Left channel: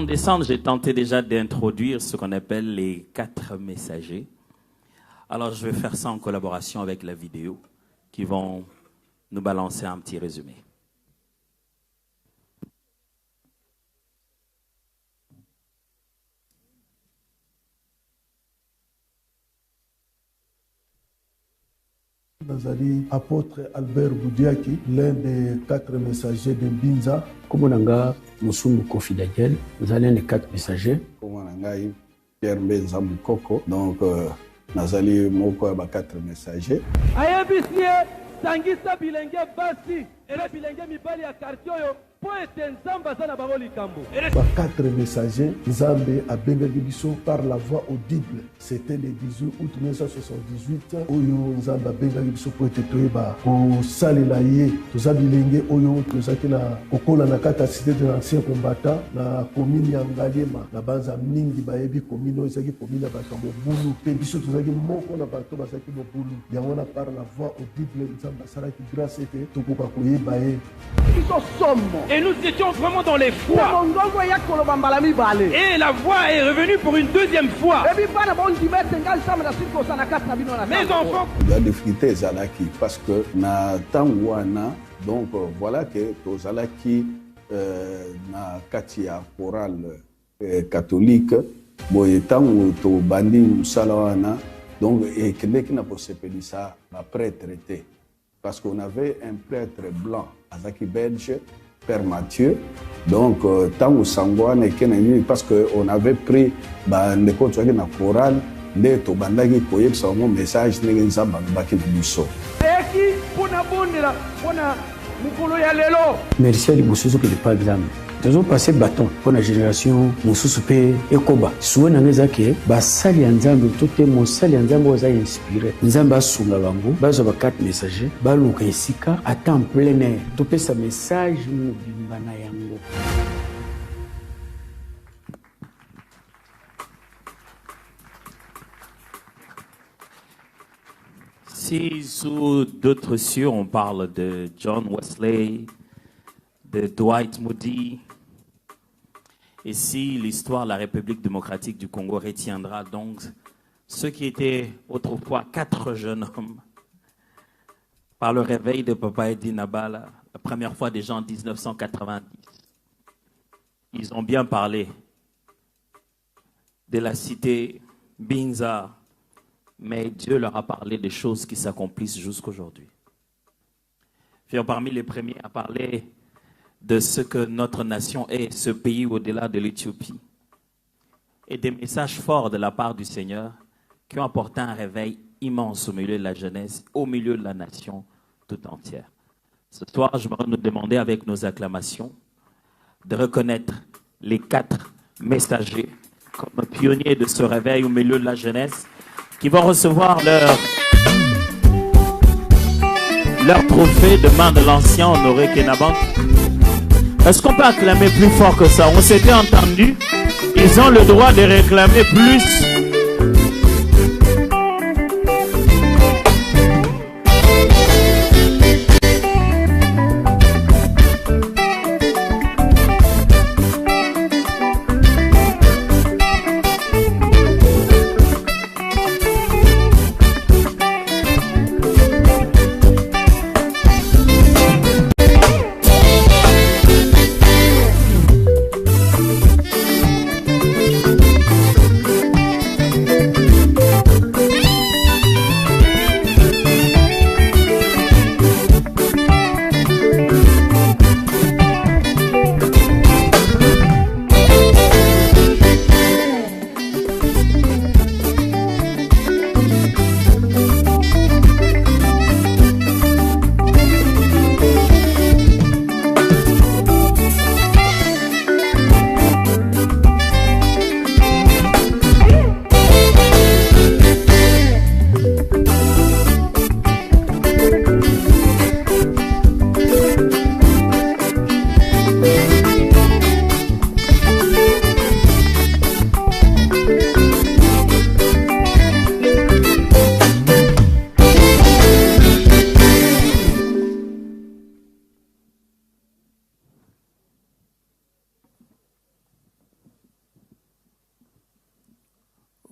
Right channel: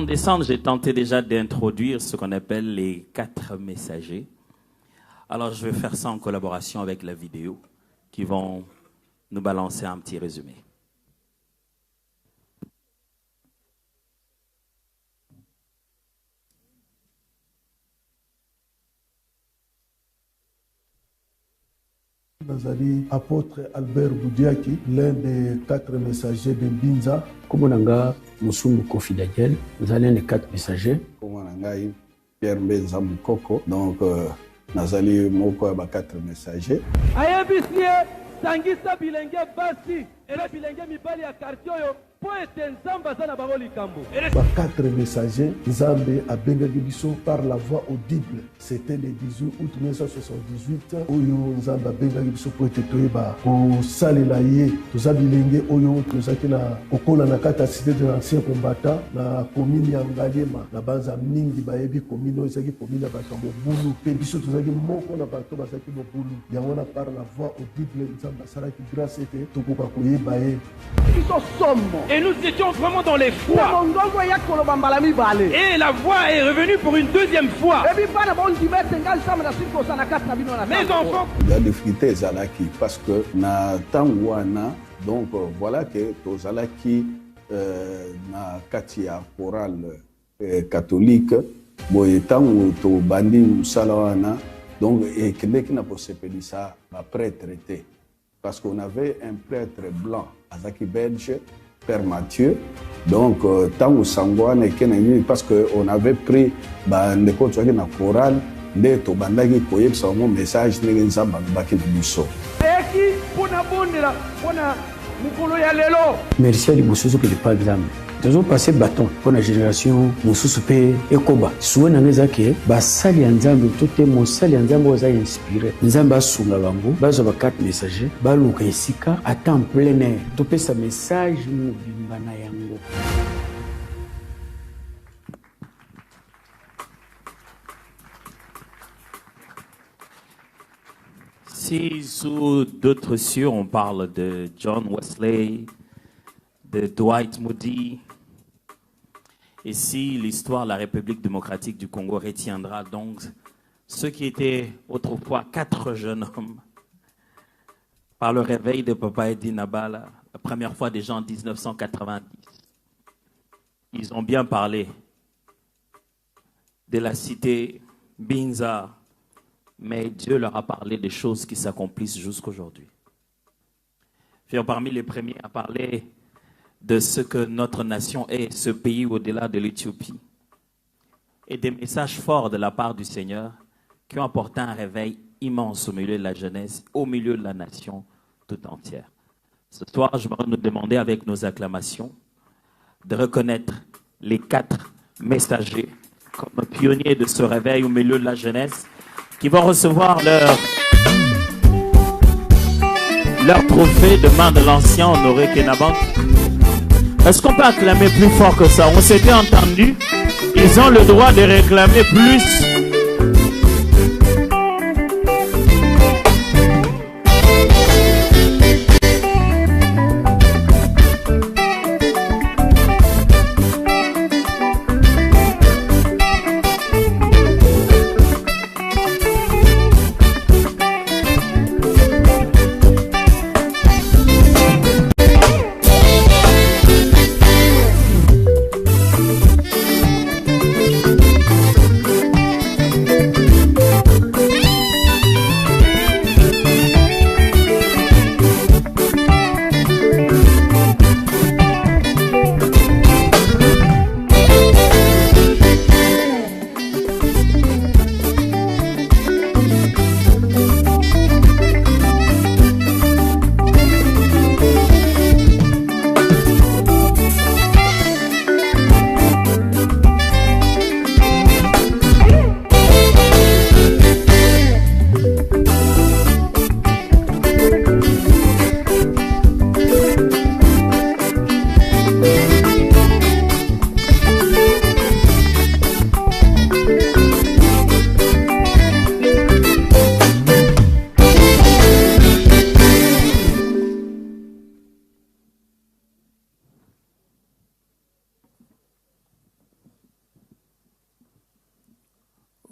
En décembre, j'ai tenté déjà d'introduire ce qu'on appelle les 4 messagers. Alors, je vais faire ça en collaboration avec la vidéo qui vont nous balancer un petit résumé. Nazali apôtre Albert Boudiaki, l'un des 4 messagers de Binza. Comme on a Moussoum Kofi Daniel, nous allons les 4 messagers. Comme on a Pierre Benza Moukoko, donc Nazali Moko 4 messagers. Ayebisiye sangisa bilenge basi ebe bilenge mibali ya quartier yo po ete nzamba za na bango likambo. 4 messagers, Nzambe a bengaki biso par la voix audible. C'était le 18 août 1978. Oyo Nzambe a bengaki biso po ete toyeba kosalela ye. Toza bilenge oyo tozaki na kokola na kati ya cité de l'ancien combattant na commune ya Ngalema. Na banza mingi bayebi commune oyo ezaki commune ya bato ya mobulu. Pe biso tozaki moko na bato bazaki mobulu. Yango na par la voix audible Nzambe asalaki grâce ete tokoka koyeba ye. Et nous étions vraiment dans les foi. Et la foi est revenue pour une deuxième fois. Les enfants. Il y a des difficultés Zalaki parce que na Tangwana, donc voilà que Tozalaki na katia chorale catholique, boy tango to bandi musalawana, donc et qui n'a pas sepeli ça après traité. Parce qu'on avait un prêtre blanc, Azaki Belge, Père Mathieu, donc tant au Sangouane et parce qu'on avait pris les côtes de la chorale, de Tobandaki Koyek, son message, les Zambaki de Musso. Merci à Liboussou que par exemple. Nous avons passé bâton pour la génération Moussou Pe Ekoba. Souvent, nous avons dit que Sali Nzambe, tout est mon Sali Nzambe vous a inspiré. Nzambe a soumis l'ambo, base de 4 messagers, balouka et sika, à temps plein air. Tout est sa message, nous bimbana yango. Si sous d'autres cieux, on parle de John Wesley, de Dwight Moody, et si l'histoire de la République démocratique du Congo retiendra donc ceux qui étaient autrefois 4 jeunes hommes, par le réveil de Papa Edi Nabala, la première fois déjà en 1990, ils ont bien parlé de la cité Binza, mais Dieu leur a parlé des choses qui s'accomplissent jusqu'aujourd'hui. Parmi les premiers à parler de ce que notre nation est, ce pays au-delà de l'Éthiopie. Et des messages forts de la part du Seigneur qui ont apporté un réveil immense au milieu de la jeunesse, au milieu de la nation tout entière. Ce soir, je vais nous demander avec nos acclamations de reconnaître les 4 messagers comme pionniers de ce réveil au milieu de la jeunesse qui vont recevoir leur trophée de main de l'ancien Honoré Kenaban. Est-ce qu'on peut acclamer plus fort que ça? On s'était entendu. Ils ont le droit de réclamer plus.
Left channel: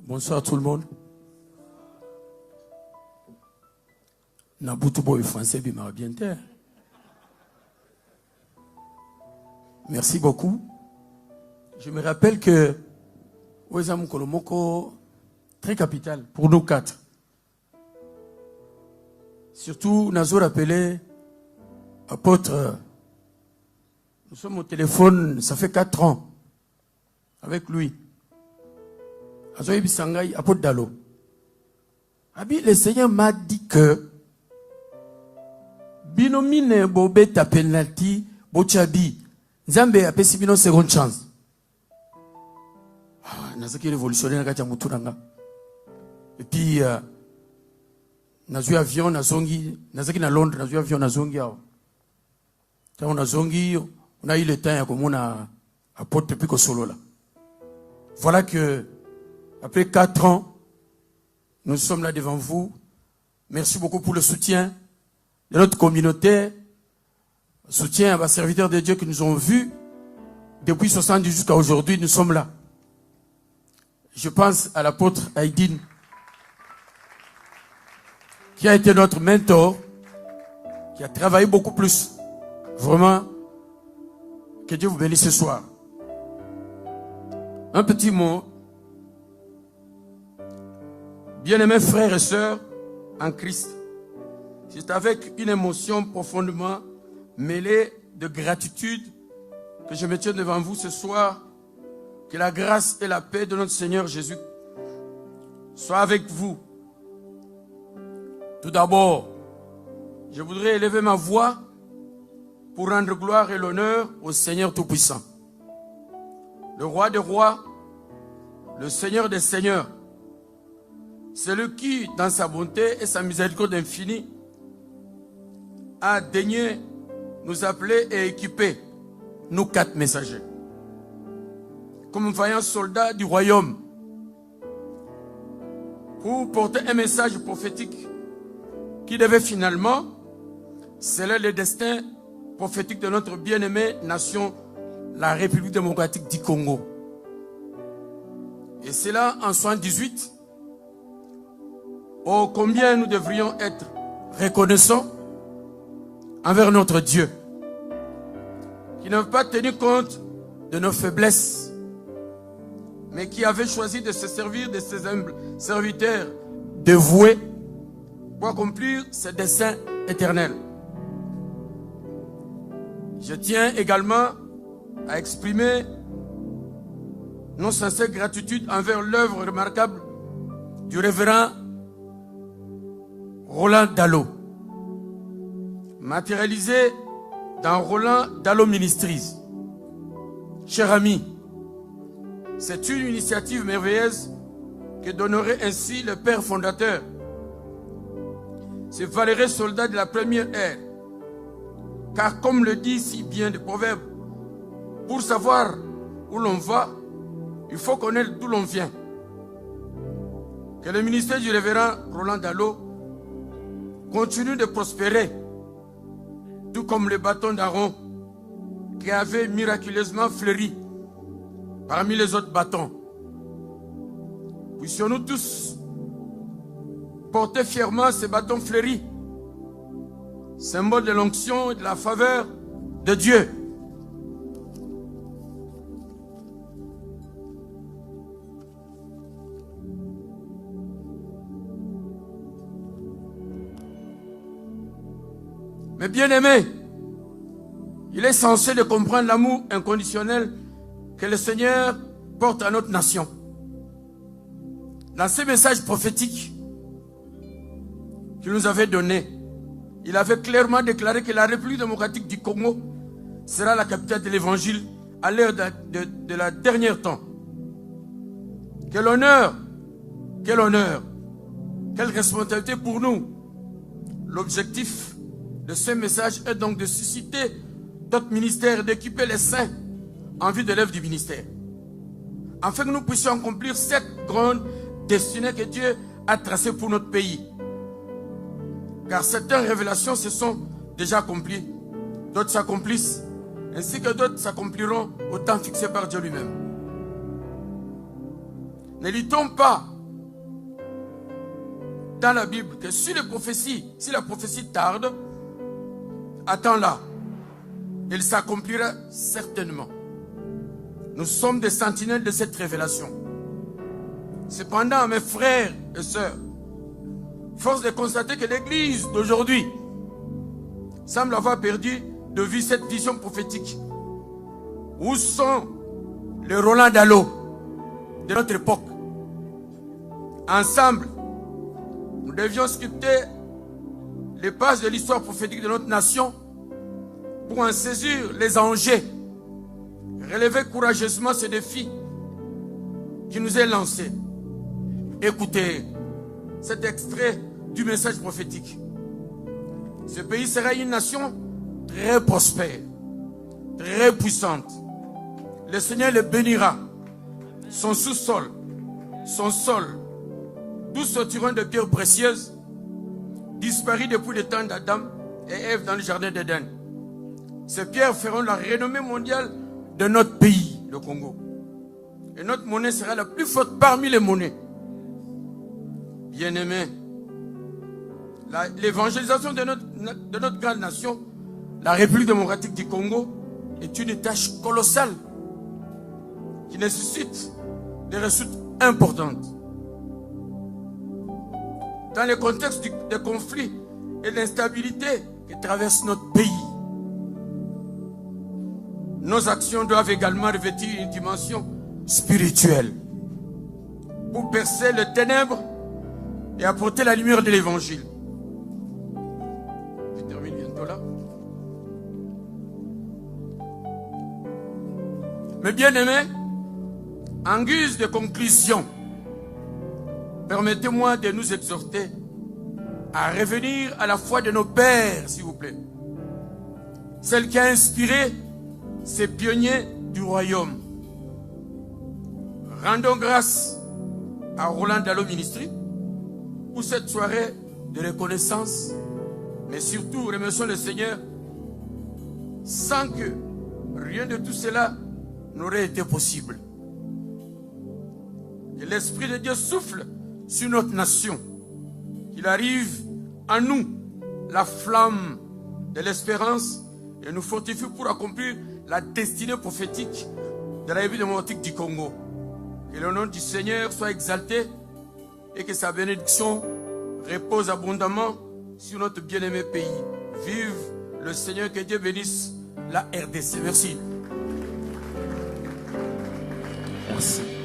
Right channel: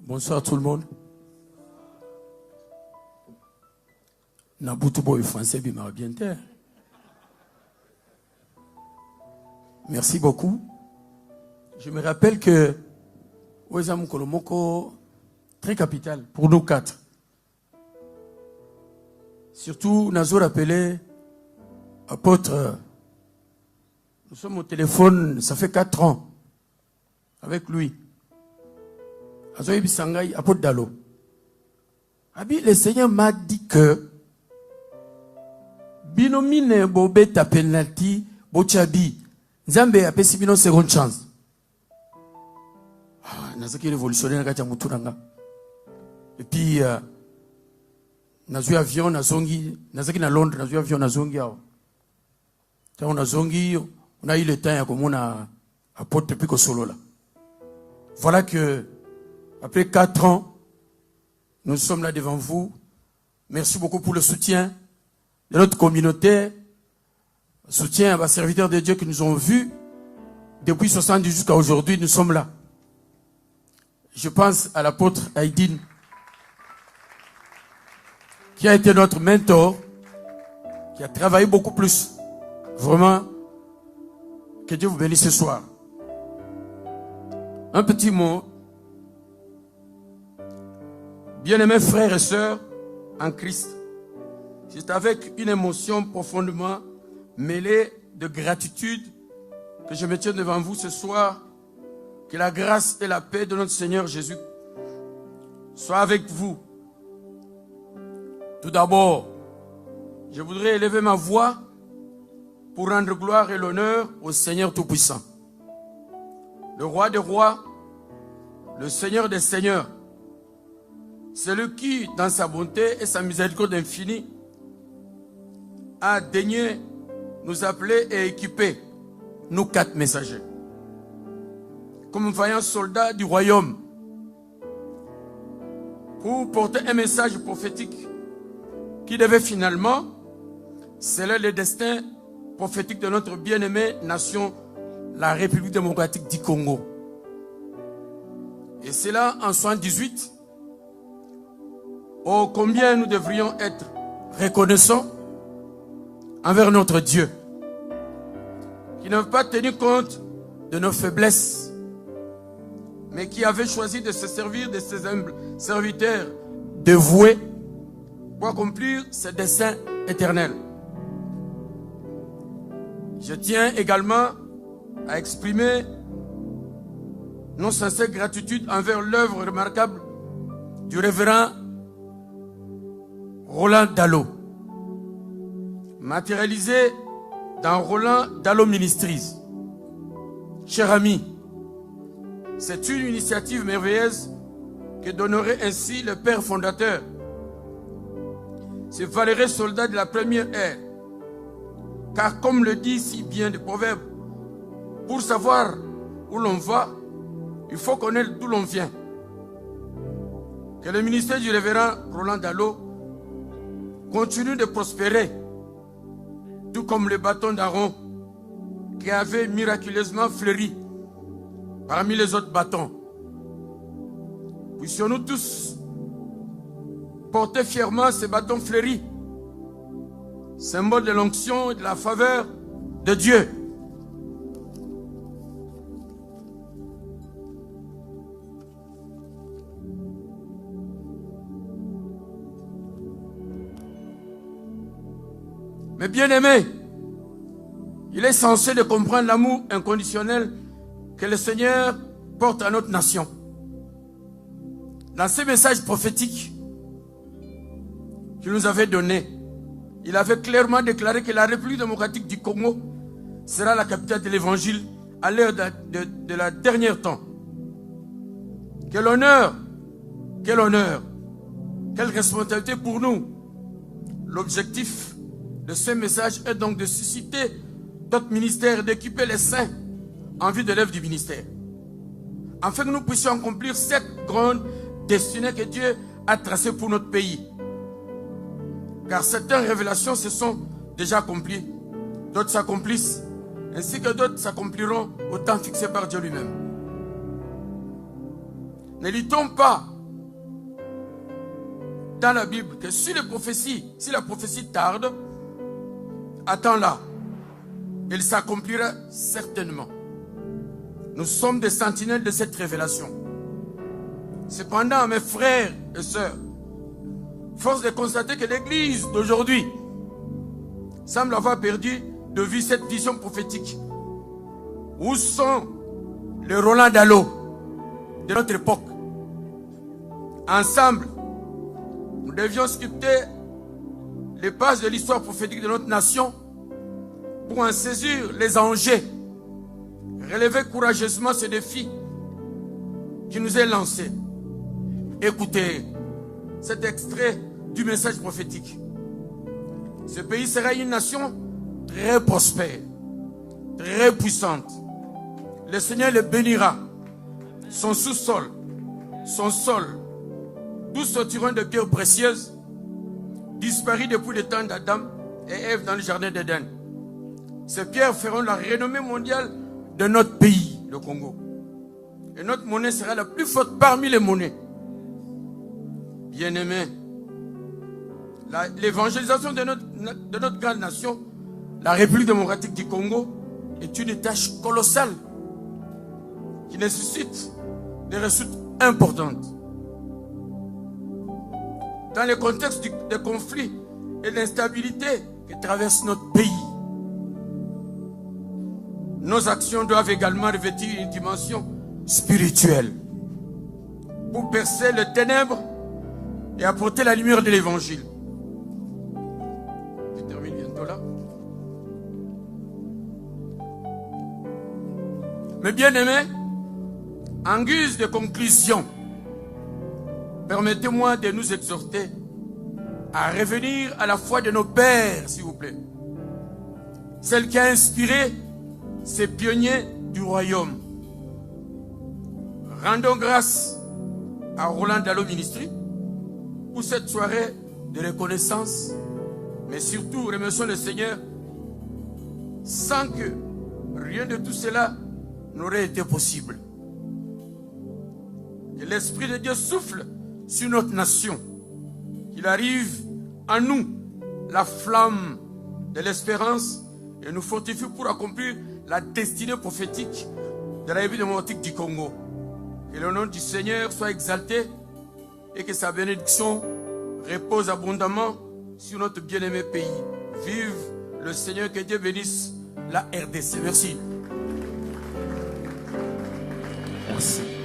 Bonsoir tout le monde. Nabutu boy français bima bien terre. Merci beaucoup. Je me rappelle que Ouezam Kolomoko, très capital pour nous quatre. Surtout, Nazo rappelé, apôtre, nous sommes au téléphone, ça fait 4 ans, avec lui. Azoï Bissangaï, apôtre Dalo. Abi, le Seigneur m'a dit que, binomine bobé ta penalty, bochabi, Nzambe a pesi bino seconde chance. Nazaki révolutionnaire kati ya muturanga. Et puis nazui avion nazongi, nazaki na Londres, nazui avion nazongi awa. Tant nazongi, on a eu le temps ya komona apôtre puis solo là. Voilà que après 4 ans, nous sommes là devant vous. Merci beaucoup pour le soutien de notre communauté. Soutien à vos serviteurs de Dieu qui nous ont vus depuis 70 jusqu'à aujourd'hui. Nous sommes là. Je pense à l'apôtre Aïdine, qui a été notre mentor, qui a travaillé beaucoup plus. Vraiment, que Dieu vous bénisse ce soir. Un petit mot. Bien-aimés frères et sœurs en Christ, c'est avec une émotion profondément mêlée de gratitude que je me tiens devant vous ce soir. Que la grâce et la paix de notre Seigneur Jésus soient avec vous. Tout d'abord, je voudrais élever ma voix pour rendre gloire et l'honneur au Seigneur Tout-Puissant, le Roi des rois, le Seigneur des seigneurs, celui qui, dans sa bonté et sa miséricorde infinie, a daigné nous appeler et équiper, nous 4 messagers, comme vaillants soldats du royaume, pour porter un message prophétique qui devait finalement sceller le destin prophétique de notre bien-aimée nation, la République démocratique du Congo. Et c'est là, en 78, oh combien nous devrions être reconnaissants envers notre Dieu, qui n'a pas tenu compte de nos faiblesses, mais qui avait choisi de se servir de ses humbles serviteurs dévoués pour accomplir ses desseins éternels. Je tiens également à exprimer nos sincères gratitude envers l'œuvre remarquable du révérend Roland Dalo, matérialisé dans Roland Dalo Ministries. Cher ami, c'est une initiative merveilleuse que donnerait ainsi le père fondateur, ce valeureux soldat de la première ère. Car comme le dit si bien le proverbe, pour savoir où l'on va, il faut connaître d'où l'on vient. Que le ministère du révérend Roland Dalo continue de prospérer, tout comme le bâton d'Aaron qui avait miraculeusement fleuri parmi les autres bâtons. Puissions-nous tous porter fièrement ces bâtons fleuris, symbole de l'onction et de la faveur de Dieu. Mais bien aimé, il est censé de comprendre l'amour inconditionnel que le Seigneur porte à notre nation. Dans ce message prophétique qu'il nous avait donné, il avait clairement déclaré que la République démocratique du Congo sera la capitale de l'évangile à l'heure de la dernière temps. Quel honneur, quelle responsabilité pour nous. L'objectif de ce message est donc de susciter notre ministère, d'équiper les saints en vue de l'œuvre du ministère, afin que nous puissions accomplir cette grande destinée que Dieu a tracée pour notre pays. Car certaines révélations se sont déjà accomplies, d'autres s'accomplissent, ainsi que d'autres s'accompliront au temps fixé par Dieu lui-même. Ne luttons pas la Bible que si la prophétie tarde, attends-la. Elle s'accomplira certainement. Nous sommes des sentinelles de cette révélation. Cependant, mes frères et sœurs, force de constater que l'Église d'aujourd'hui semble avoir perdu de vue cette vision prophétique. Où sont les Roland Dallot de notre époque? Ensemble, nous devions sculpter les pages de l'histoire prophétique de notre nation pour en saisir les enjeux, relever courageusement ce défi qui nous est lancé. Écoutez cet extrait du message prophétique. Ce pays sera une nation très prospère, très puissante. Le Seigneur le bénira. Son sous-sol, son sol, d'où sortiront de pierres précieuses, disparues depuis le temps d'Adam et Ève dans le jardin d'Éden. Ces pierres feront la renommée mondiale de notre pays, le Congo. Et notre monnaie sera la plus forte parmi les monnaies. Bien-aimés, l'évangélisation de notre grande nation, la République démocratique du Congo, est une tâche colossale qui nécessite des ressources importantes. Dans le contexte des conflits et de l'instabilité qui traversent notre pays, nos actions doivent également revêtir une dimension spirituelle pour percer les ténèbres et apporter la lumière de l'évangile. Je termine bientôt là. Mais bien aimés, en guise de conclusion, permettez-moi de nous exhorter à revenir à la foi de nos pères, s'il vous plaît. Celle qui a inspiré ces pionniers du royaume. Rendons grâce à Roland Dallot Ministry pour cette soirée de reconnaissance, mais surtout remercions le Seigneur sans que rien de tout cela n'aurait été possible. Que l'Esprit de Dieu souffle sur notre nation, qu'il arrive en nous la flamme de l'espérance et nous fortifie pour accomplir la destinée prophétique de la République démocratique du Congo. Que le nom du Seigneur soit exalté et que sa bénédiction repose abondamment sur notre bien-aimé pays. Vive le Seigneur, que Dieu bénisse la RDC. Merci. Merci.